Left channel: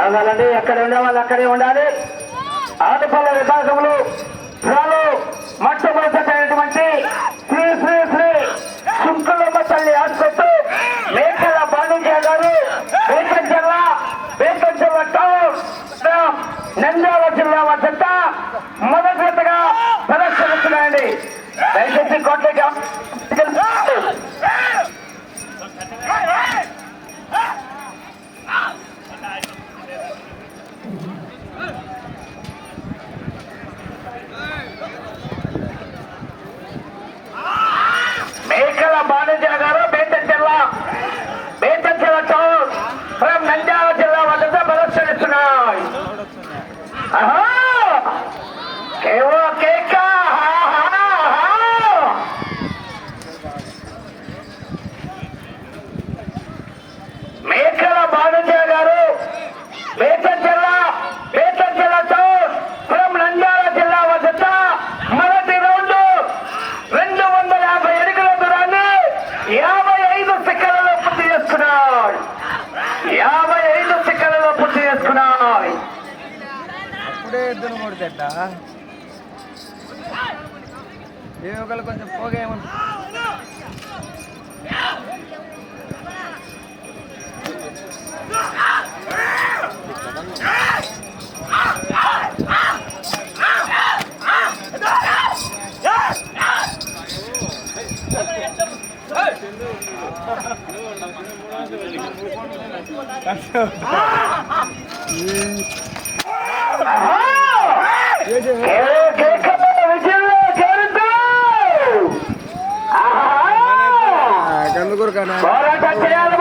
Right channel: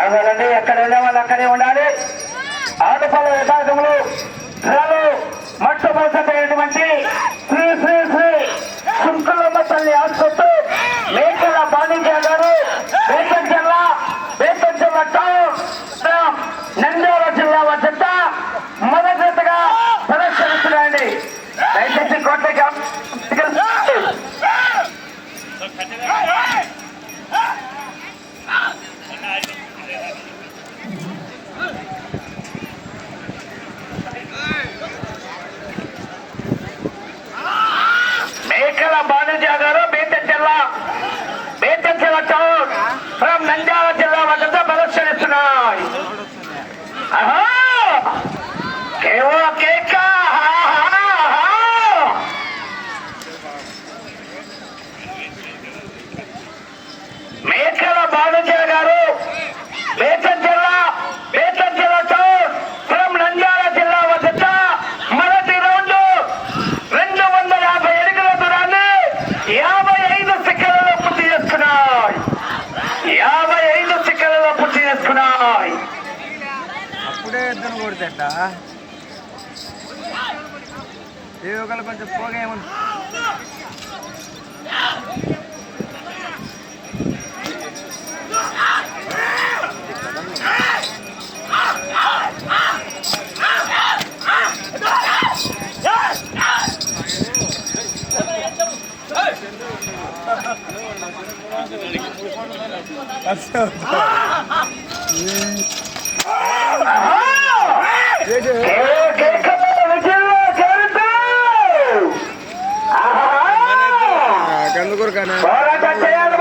ఆగాలండి ఎక్కడ వెళ్ళే వాళ్ళు అక్కడే ఉండాలి. ఆటపల్ల విభాగంలో ఏవో కేక మేకల భానుజ గారు వేచంత కొంచెం పోగా ఏమన్నా పోరాటం చేయాలి.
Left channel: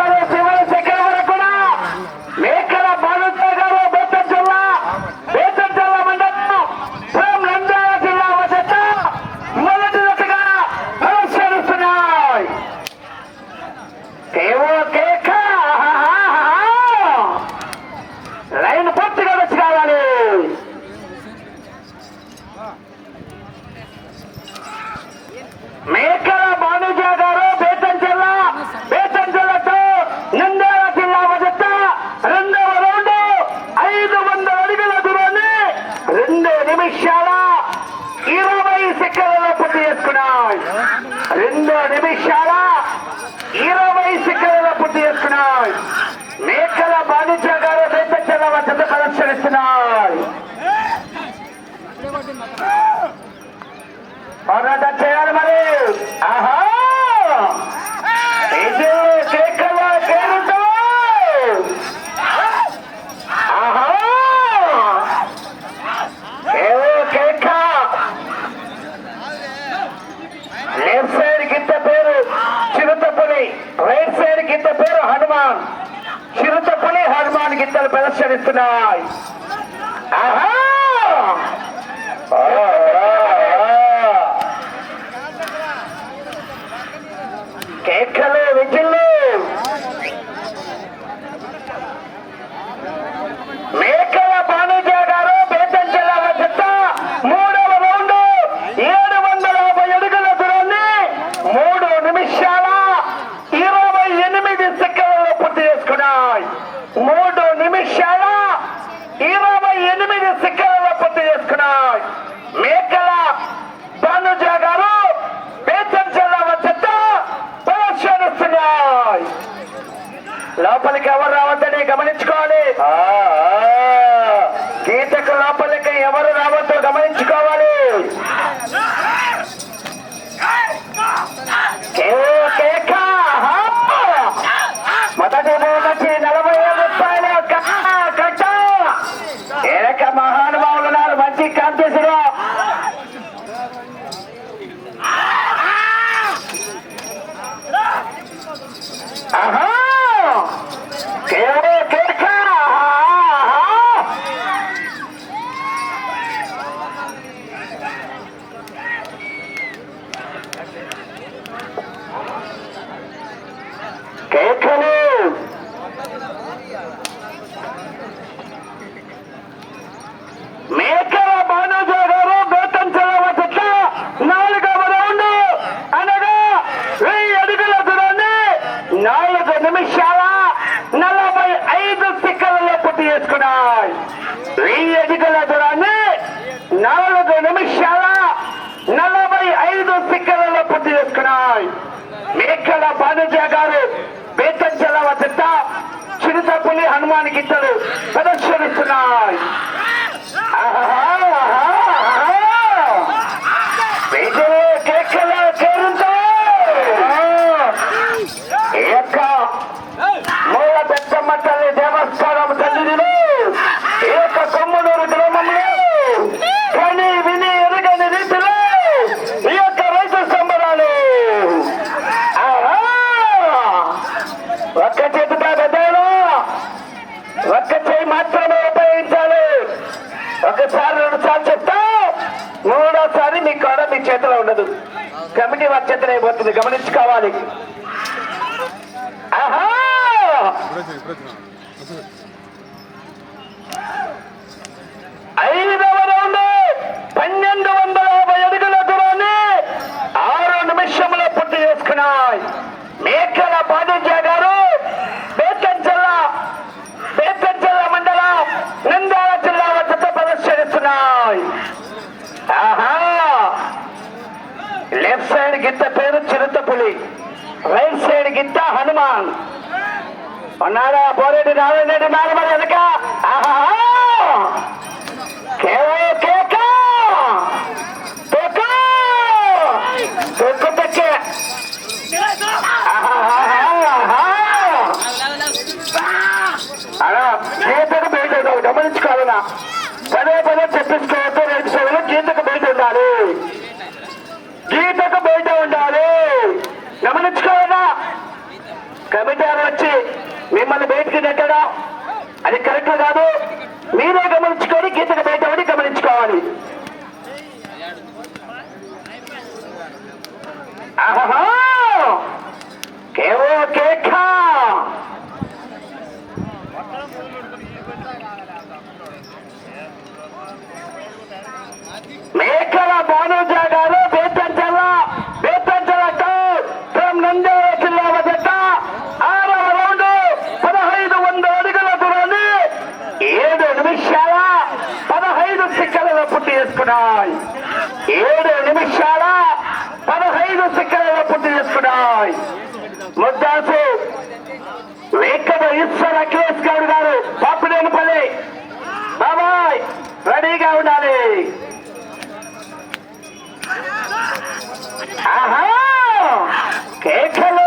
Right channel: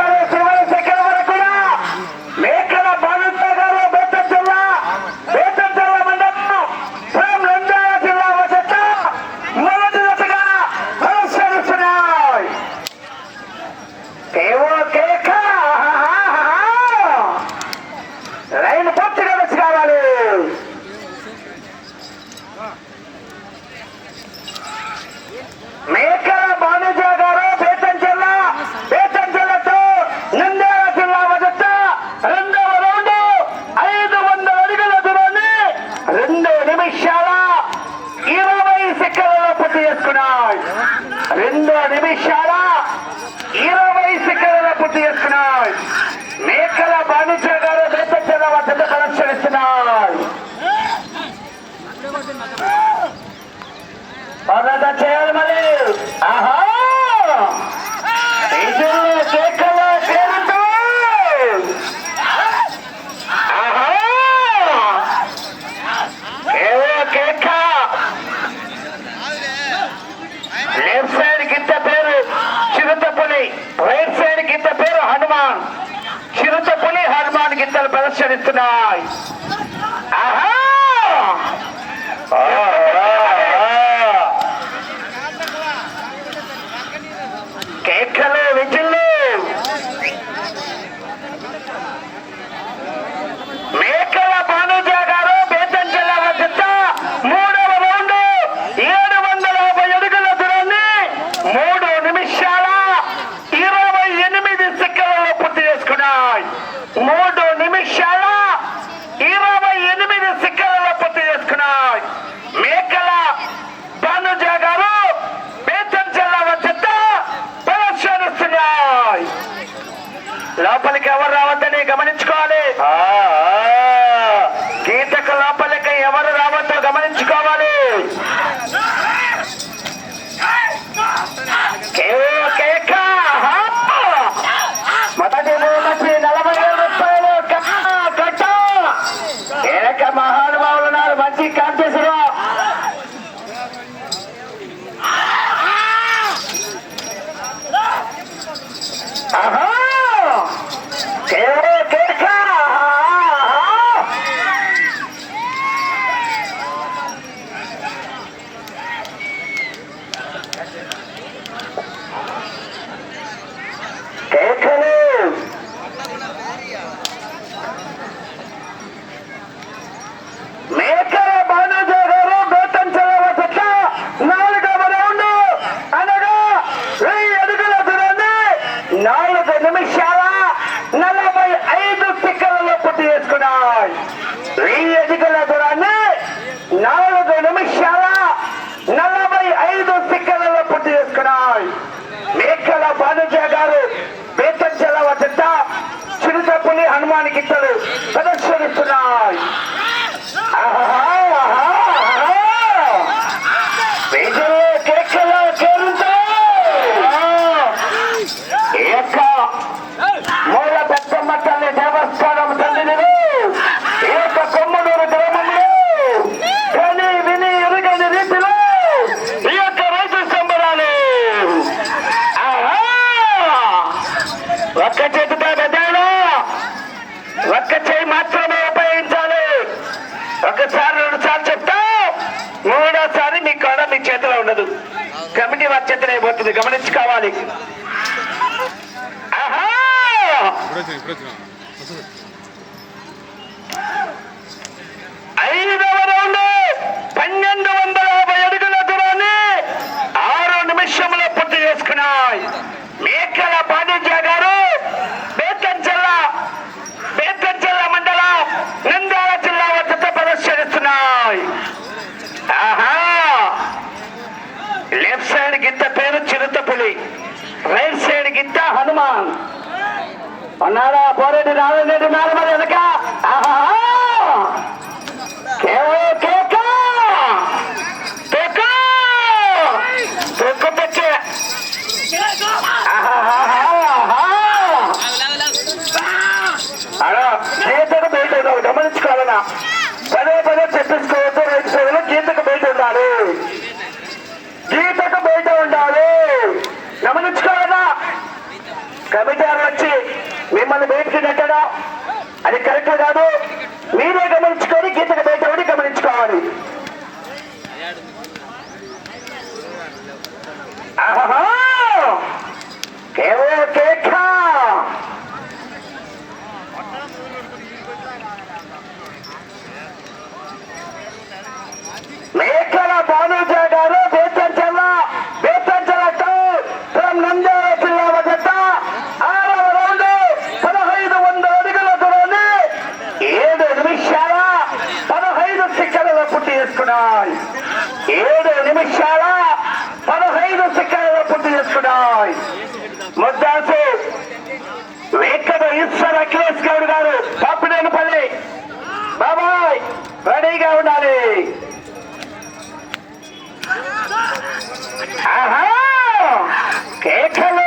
సంచరిస్తున్నాయి ఆహా! కేకలు లోపలికి ఎవరు రావద్దని గమనించుకోవాలి. కీటక లోపలికి ఎవరు రావద్దో గమనించుకోవాలి. మొదటి మూడకి నలభై కుటుంబానికి ఇద్దరు ప్రదర్శనిస్తున్నాయి. మాత్రమే ఉపయోగించాలి. ఒకసారి రెండు సార్లు చెప్తా మూడోసారి మీ కాడ మీ చేతిలో ఉండదు. కమిటీ వారి చేతనే అయిపోతుంది. గమనించుకోవాలి. ఆహా! ఐదవ రౌండ్ పన్నెండు వందల యాభై అడుగుల దూరాన్ని ఆరు నిమిషంలో పూర్తి చేసుకున్నాయి. మేకల పాదజా గారు రావాలి రైట్ సైడ్ గిత్త హనుమాన్ ఉన్నారా పోరెడ్డి నారాయణ రెడ్డి మారమని వెనక అలా చేతుడు గమనించుకోవాలన్నా పదే పదే చెప్పించుకోవాలి గమనించుకోవాలా? కమిటీలు వచ్చి మిమ్మల్ని బయటికి నెట్టడం అది కరెక్ట్ కాదు. మీరే గమనించుకొని గీతకు బయటపడి గమనించుకోవాలి. ఆహా! కేవలం కేక్! బాబాయ్ బాబాయ్ రెడీగా ఉండాలి. ఆహా! కేకలు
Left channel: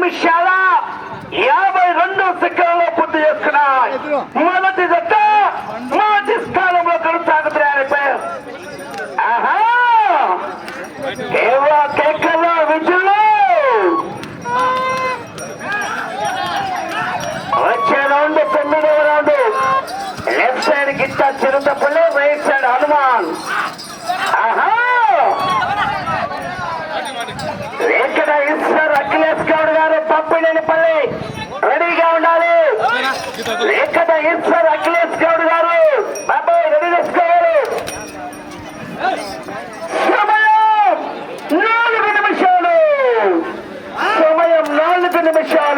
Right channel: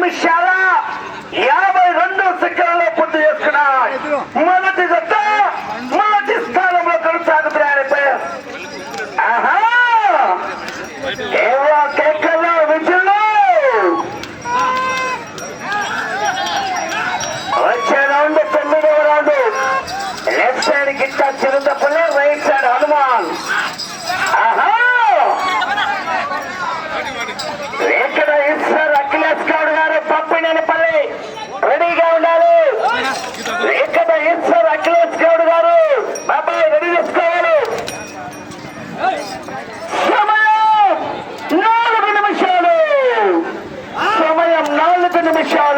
Michelle. the show.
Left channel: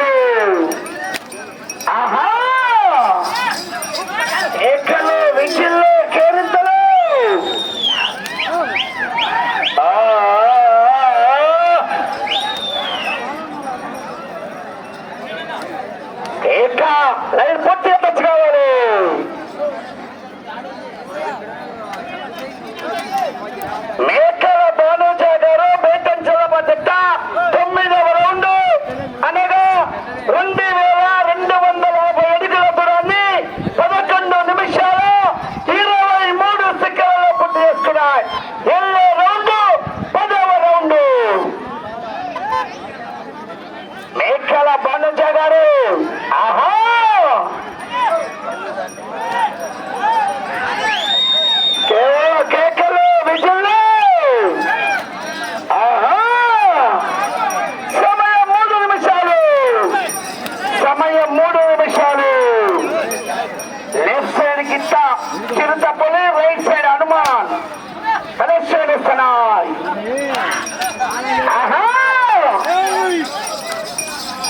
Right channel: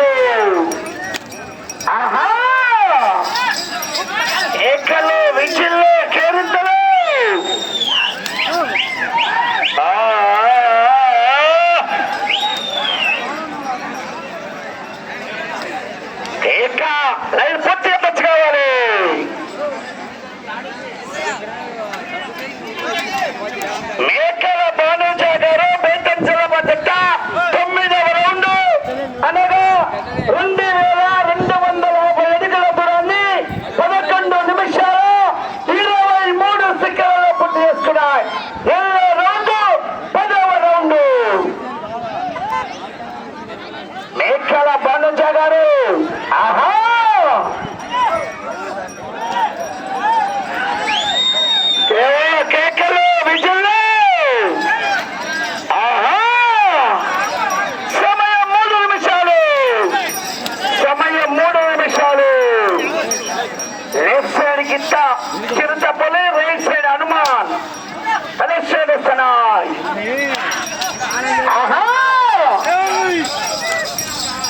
ప్రదర్శనమిస్తున్నాయి.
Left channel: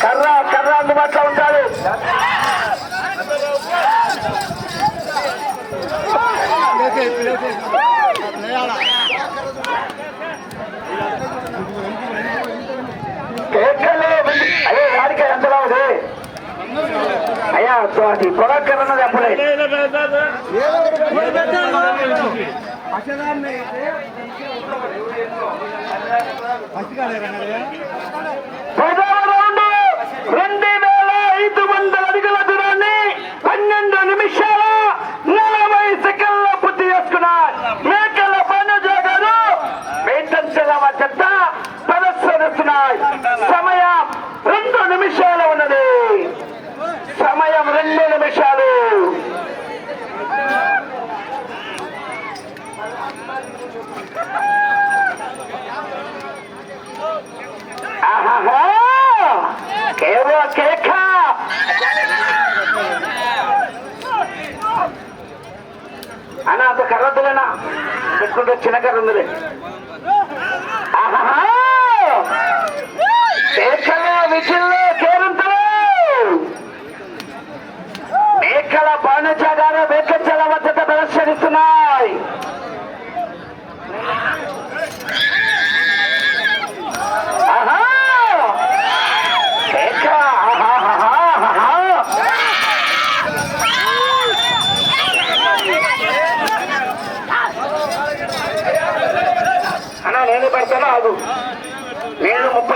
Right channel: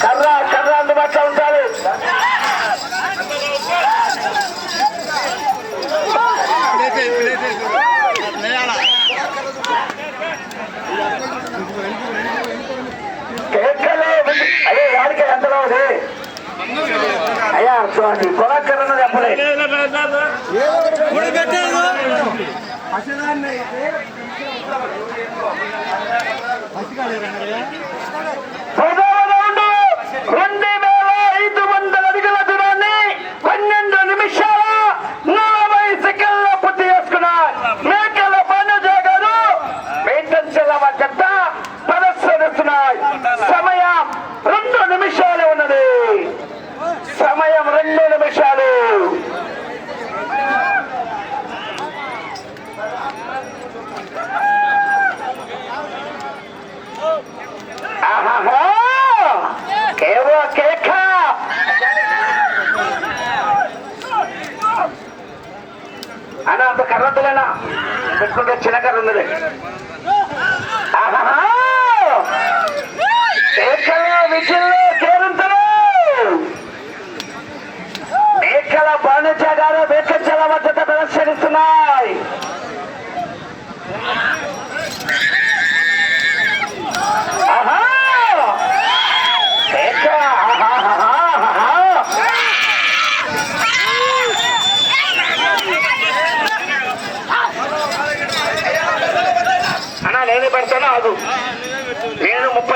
కర్ర కర్ర అందుబాటులో ఉంటారు అయ్యే వాడికి అయ్యా కొనక్కరన్నది అప్పుడే పసిగా లేరన్నా కదా?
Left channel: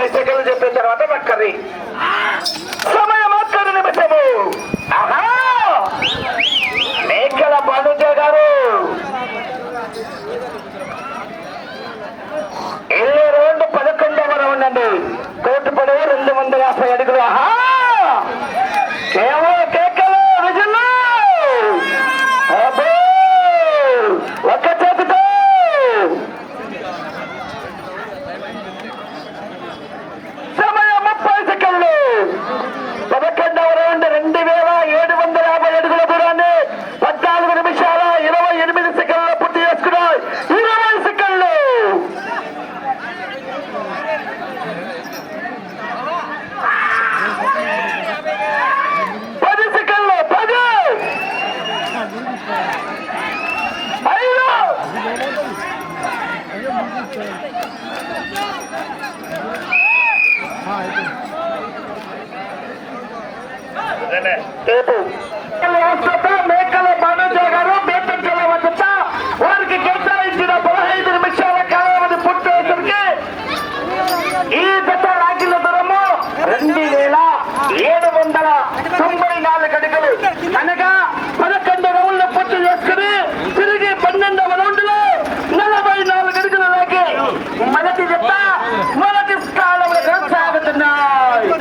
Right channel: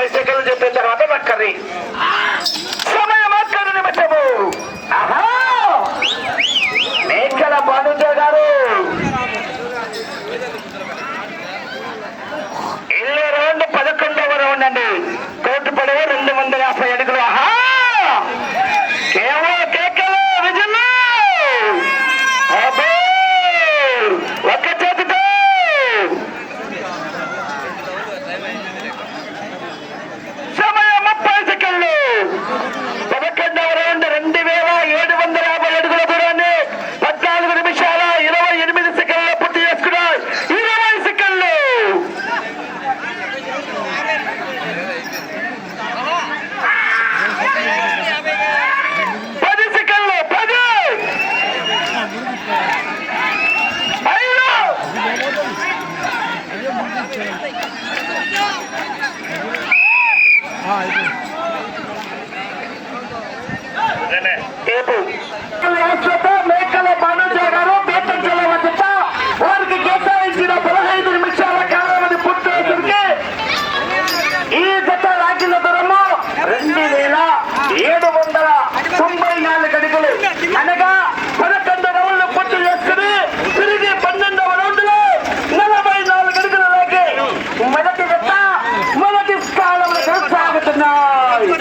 ऐसे कर रहे जो तेरे कर रही। சேர்ந்த ரெண்டு பேர் మేకల బాణుజే గారు బీటెక్ జిల్లా వద్ద వారికి కేటాయించిన పదహైదు నిమిషాల కాలావధి పూర్తి అయ్యేసరికి ఈ గత రాజ్యుల దూరము రెండు వేల ఏడు వందల తొంభై నాలుగు అడుగులు. అనగా పదకొండు రౌండ్లు పూర్తి చేసుకుని తిరిగి పన్నెండవ రౌండ్లు నలభై నాలుగు అడుగులు దాకి మొదటి మొదటి స్థానంలో కొనసాగుతున్నాయి.